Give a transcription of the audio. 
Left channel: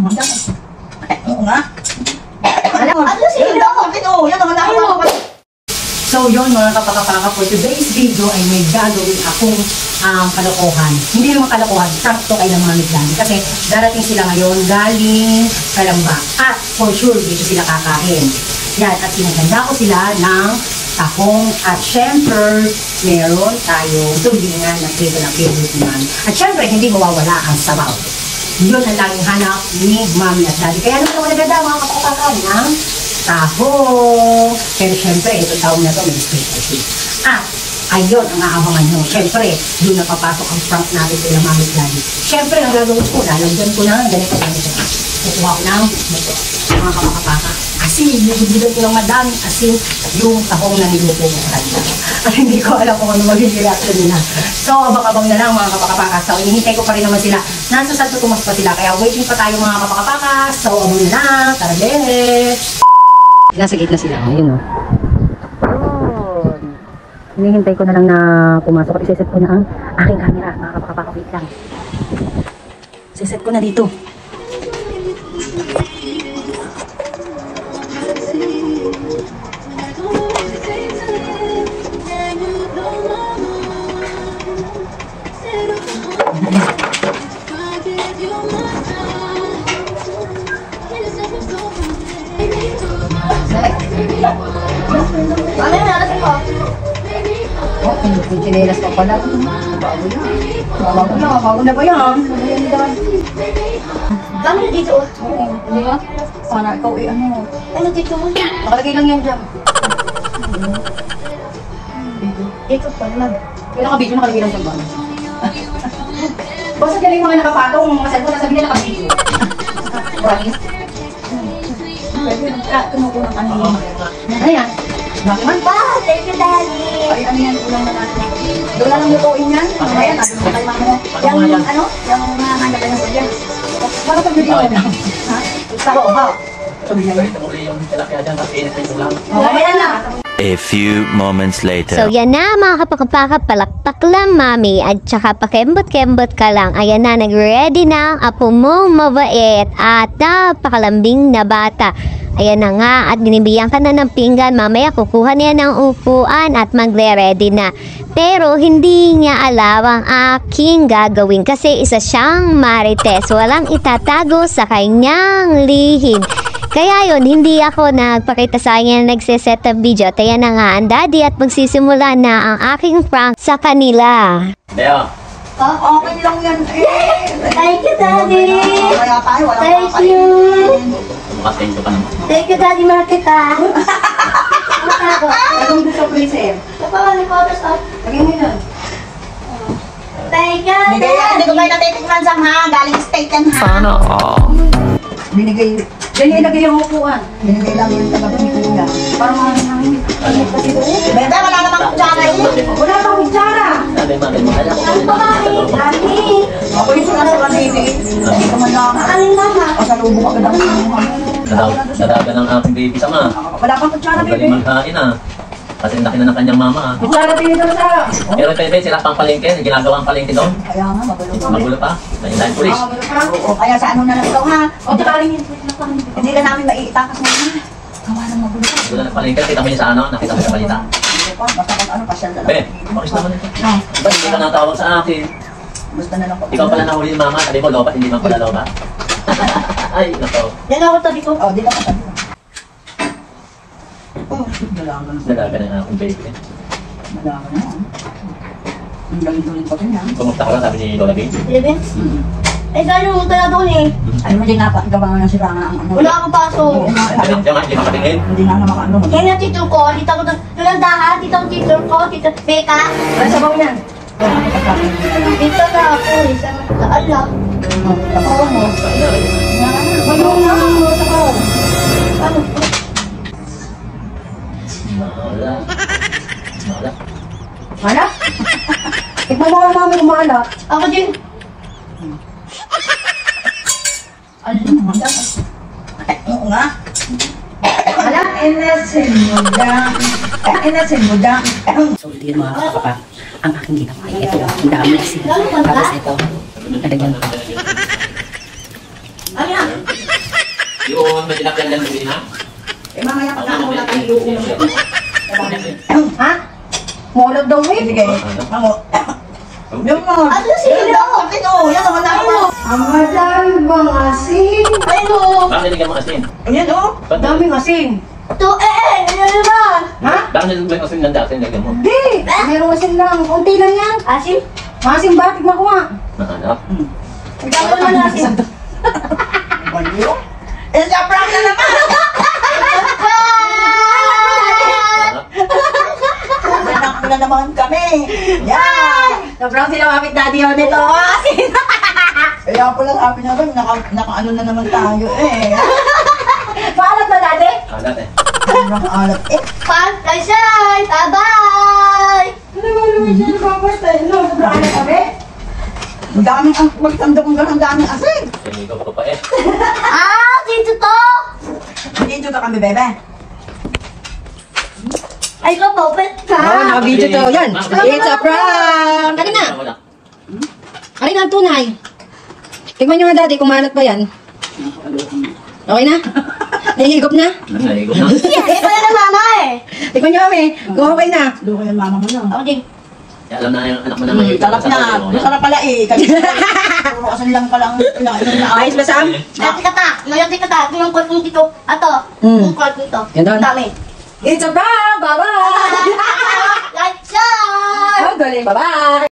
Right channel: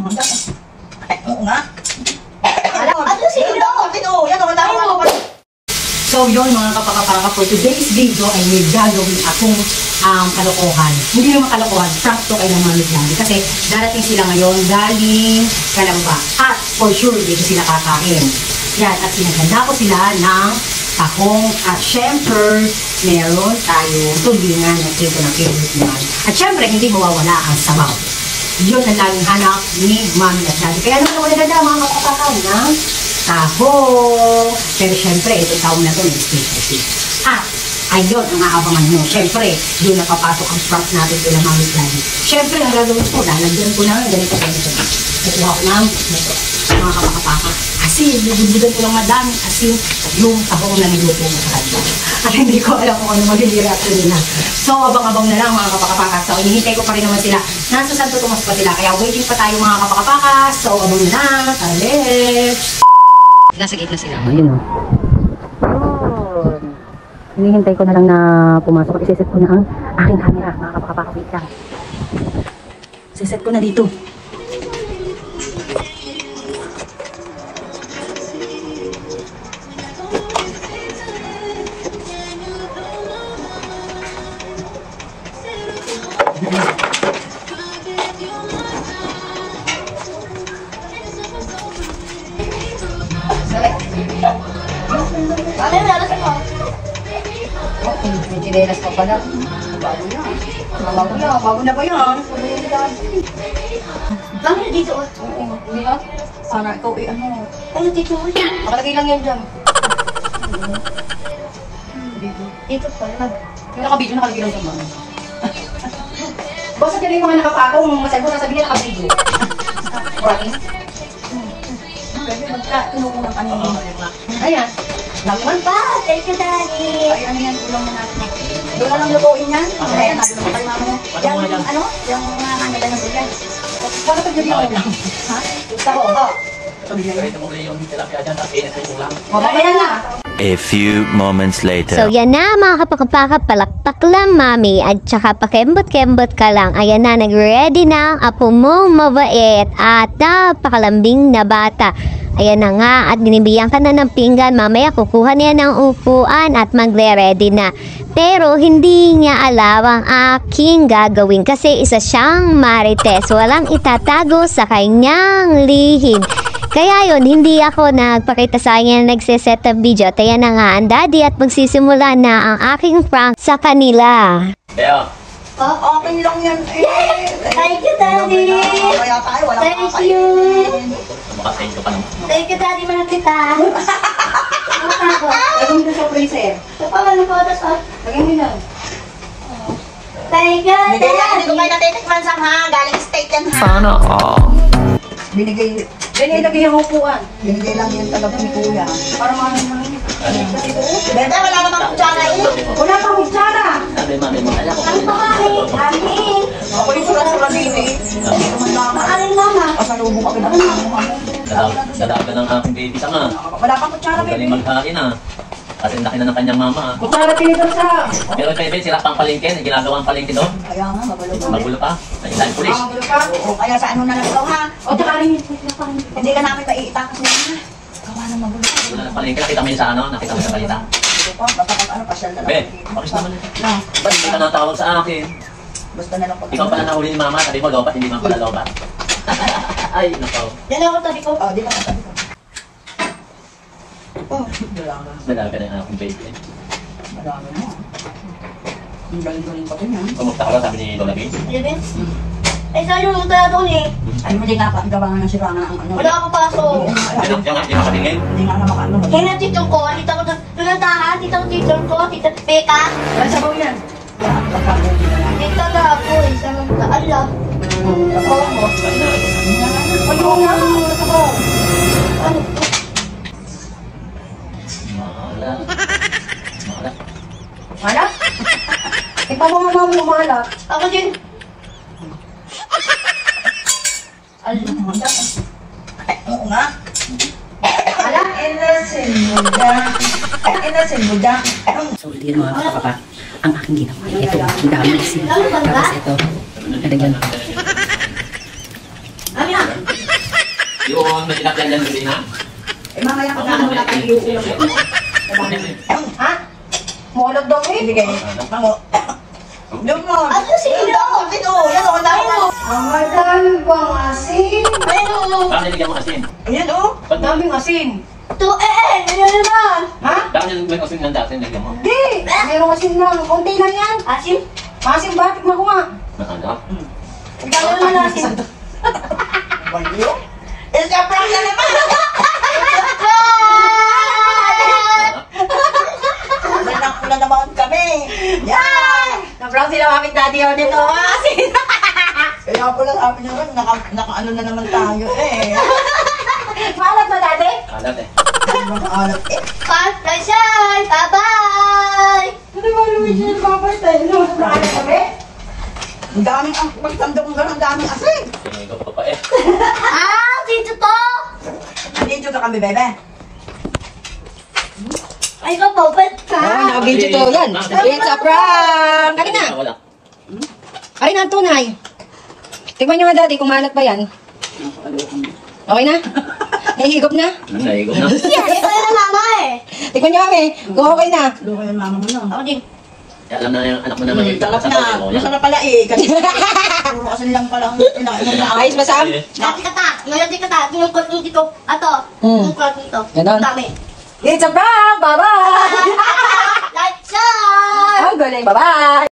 Oo nga. So yun mga kapakapaka, for today's video ay may gagawin akong kalokohan. Hindi naman kalokohan, prank to kay ng Mami Gladys. Kasi darating sila ngayon galing Kalamba. At for sure dito sila kakain. Yan, at sinaganda ko sila ng tahong. At syempre, meron tayo tulingan na ito ng favorite naman. At syempre, hindi mawawala ang sabaw. Yun ang laging hanap ni Mami at Daddy. Kaya naman wala dada mga kapakapaka ng tahong. Pero syempre, ito taong na ito may specialty. At ayun ang aabangan mo. Syempre, doon na papasok ang prank natin kay Mami at Daddy. Syempre, ang gagawin ko, lalagyan ko ng ganito. Natuwa ko ng ito, mga kapakapaka. Asin, bubudbudan ko ng madaming asin yung tahong na niluto mo sa kanila. At hindi ko alam kung ano magiging reaction nila. So, abang-abang na lang mga kapakapaka. So, hinihintay ko pa rin naman sila. Nasa Santo Tomas pa sila. Kaya waiting pa tayo mga kapakapaka. So, abang na lang. Tara, let's! Nasa gitna sila. Ayun o. Hinihintay ko na lang na pumasok. At iseset ko na ang aking camera mga kapakapaka. Wait lang. Iseset ko na dito. May chinelas pa pala. Bago na ba yan? Dami na dito. Hindi ba? Sana ikaw ano. Ano dito mo? Makalagay lang yan dyan. Dito pa lang. Kaya naka-video, nakalagay lang dyan. Basta dyan yung mga nakapatong, mga cellphone, nasabi nila naka-video. Right? Kinukulang ka na. Ayan. Laki man Pa! Thank you, Daddy! ay, ano yan, ulang na natin. Doon na lang lutuin yan. Ayan, sabi mo kay mama mo. Yung ano? Yung mga handala ng yan. Ano pag nagyawan lang? Ha? Sa roha. Ayan na. A few moments later. So yan na mga kapakapaka, palakpak lang mami at saka pakembot-kembot ka lang. Ayan na, nag-ready na ang apo mong mabait at napakalambing na bata. Ayan na nga, at binibigyan ka na ng pinggan. Mamaya kukuha niya ng upuan at magre-ready na. Pero hindi niya alam ang aking gagawin kasi isa siyang marites. Walang itatago sa kanyang lihim. Kaya yun, hindi ako nagpakita sa kanya na nagsiset ng video. At ayan na nga ang daddy at magsisimula na ang aking prank sa kanila. Bea. Okay lang yan eh. Thank you, Daddy! Kaya tayo, wala Thank you! Makasendo ka naman. Thank you, Daddy! Mahal kita! Anong gusto ko sir? Napawala ko ito sa... Lagyan mo na. Thank you, Hindi ko Daddy! kayo natitikman sa ha. Galing state yan ha. Sana all. Binigay, dyan ilagay yung upuan. Binigay lang yung tagap ni Kuya. Para mga namin. Benta, wala namang kutsara yun. Wala kang kutsara. Sabi mo, alam ko Ano ba kayo? Daddy! Ako yung sukan sa kasini. Hindi ko man lang. Ano naman? O sa lubong agad ang mga mo. Dadaga ng aking baby sama. Wala kang kutsara, Magaling baby. magkain ah. Kasi laki na ng kanyang mama ah. Kutsara pinito na sa... Pero kay Ben, sila pang palengke. Ginagawa ang palengke doon. Kaya nga, magulo pa. Magulo pa. Nahilahin pulis. Magulo pa. O kaya sa ano na lang ikaw ha. O tsaka rin yun. Hindi ka namin maiitakas mo ha. Gawa ng magulo. Wala ng palengke. Kita mo yun sa ano. Nakita mo sa balita. Basta kung ano, pasyal na lang. Ben, bakit naman ito? Ba't hindi ka natawag sa akin? Gusto na lang ko. Ikaw pala nahuli ni mama. Sabi mo, lobat, hindi man pala lobat. Ay, nako. Yan ako to, di ko. O, di ka pa. Dalaga na yung aking baby. Madama na. Ang galing-galing pa rin yan. Kumusta ka ba, sabi ni Lola B? Eleven? Eh, saan yung magdala doon eh? Ay, hindi nga pa. Gawa nga siya ang ano. Wala akong paso. Hindi nga, hindi mo sabihin. Hindi nga makakano. Kaya na tito ko, tita ko, tulandahan, tita ko, tito ko, tita Beka. Ano sabaw yan? Tita na ako eh, sabi ko, ala. Oo mo. Wala na. Sabaw. Ano? Mana? Ipamawala namin yung maala. Ako din. Oo nga. Anak, inasin mo dyan. Inasin mo dyan. So, hindi yan mga kapaka. Ang aking ginawa. Ito, ang dami kasi. Tapos ito, nalagyan ko. Ano yan? Yung may tinapyan lang din ha? Eh, mamaya pag ako na tayo iuulam. Ha? Mulog daw eh. Sige. Mango. Yung mga... Ano sila? Ito, yan ako na ako. Ang madami bang asin? Pero, Bakit nilagyan mo asin? Ayan o. Ang daming asin. to ano naman? Ha? Bakit nilagyan mo asin ng dati nilagyan mo? Hindi. Mayroong asin lang. Kunti lang yan. Asin? Masin ba? Tignan ko nga. Nahanap. Ikaw naman asin. Baliw. Eh, sa prank na naman. Anak ko na naman kami. Yan. Sobrang sila kapit daddy yun nito. Asin. Kaya po lang sabi niya, naka-ano na naman tayo eh. Paano ba daddy? Hanap eh. Sobrang alat eh. Pagkasal! Bye-bye! Ano ba naman siya nababasa? Ano? Nakaya kami? Ang daming, magtanda kong gano'n, ang daming asin. Sinigaw ko pa eh. Ah! Dito to! Nandito ka kami, bebe. Ay, kapapit ka! Oo, naka-video to. Yan. It's a prank. Kari na. Wala. Kari na ang tunay. Tignan nyo nga daddy kung manat ba yan. Okay na? Nahihigop na? Naigo na. Yes! Ito yung mama eh! Tignan nyo kami. Kung okay na. Doon ko yung mama mo na. Ako din. Alam na yung anak mo naman yung Talap na. Masarap pala eh. Kasi puro asin lang pala ang inaano na. Ayos ba Sam? Dati kata! Mayroon din kata! Ito yung court mo dito. Ato! Hmm. Yung court dito. Ganon. Dami. It's a prank! Bye-bye! Like, share! Ang galing. Bye-bye!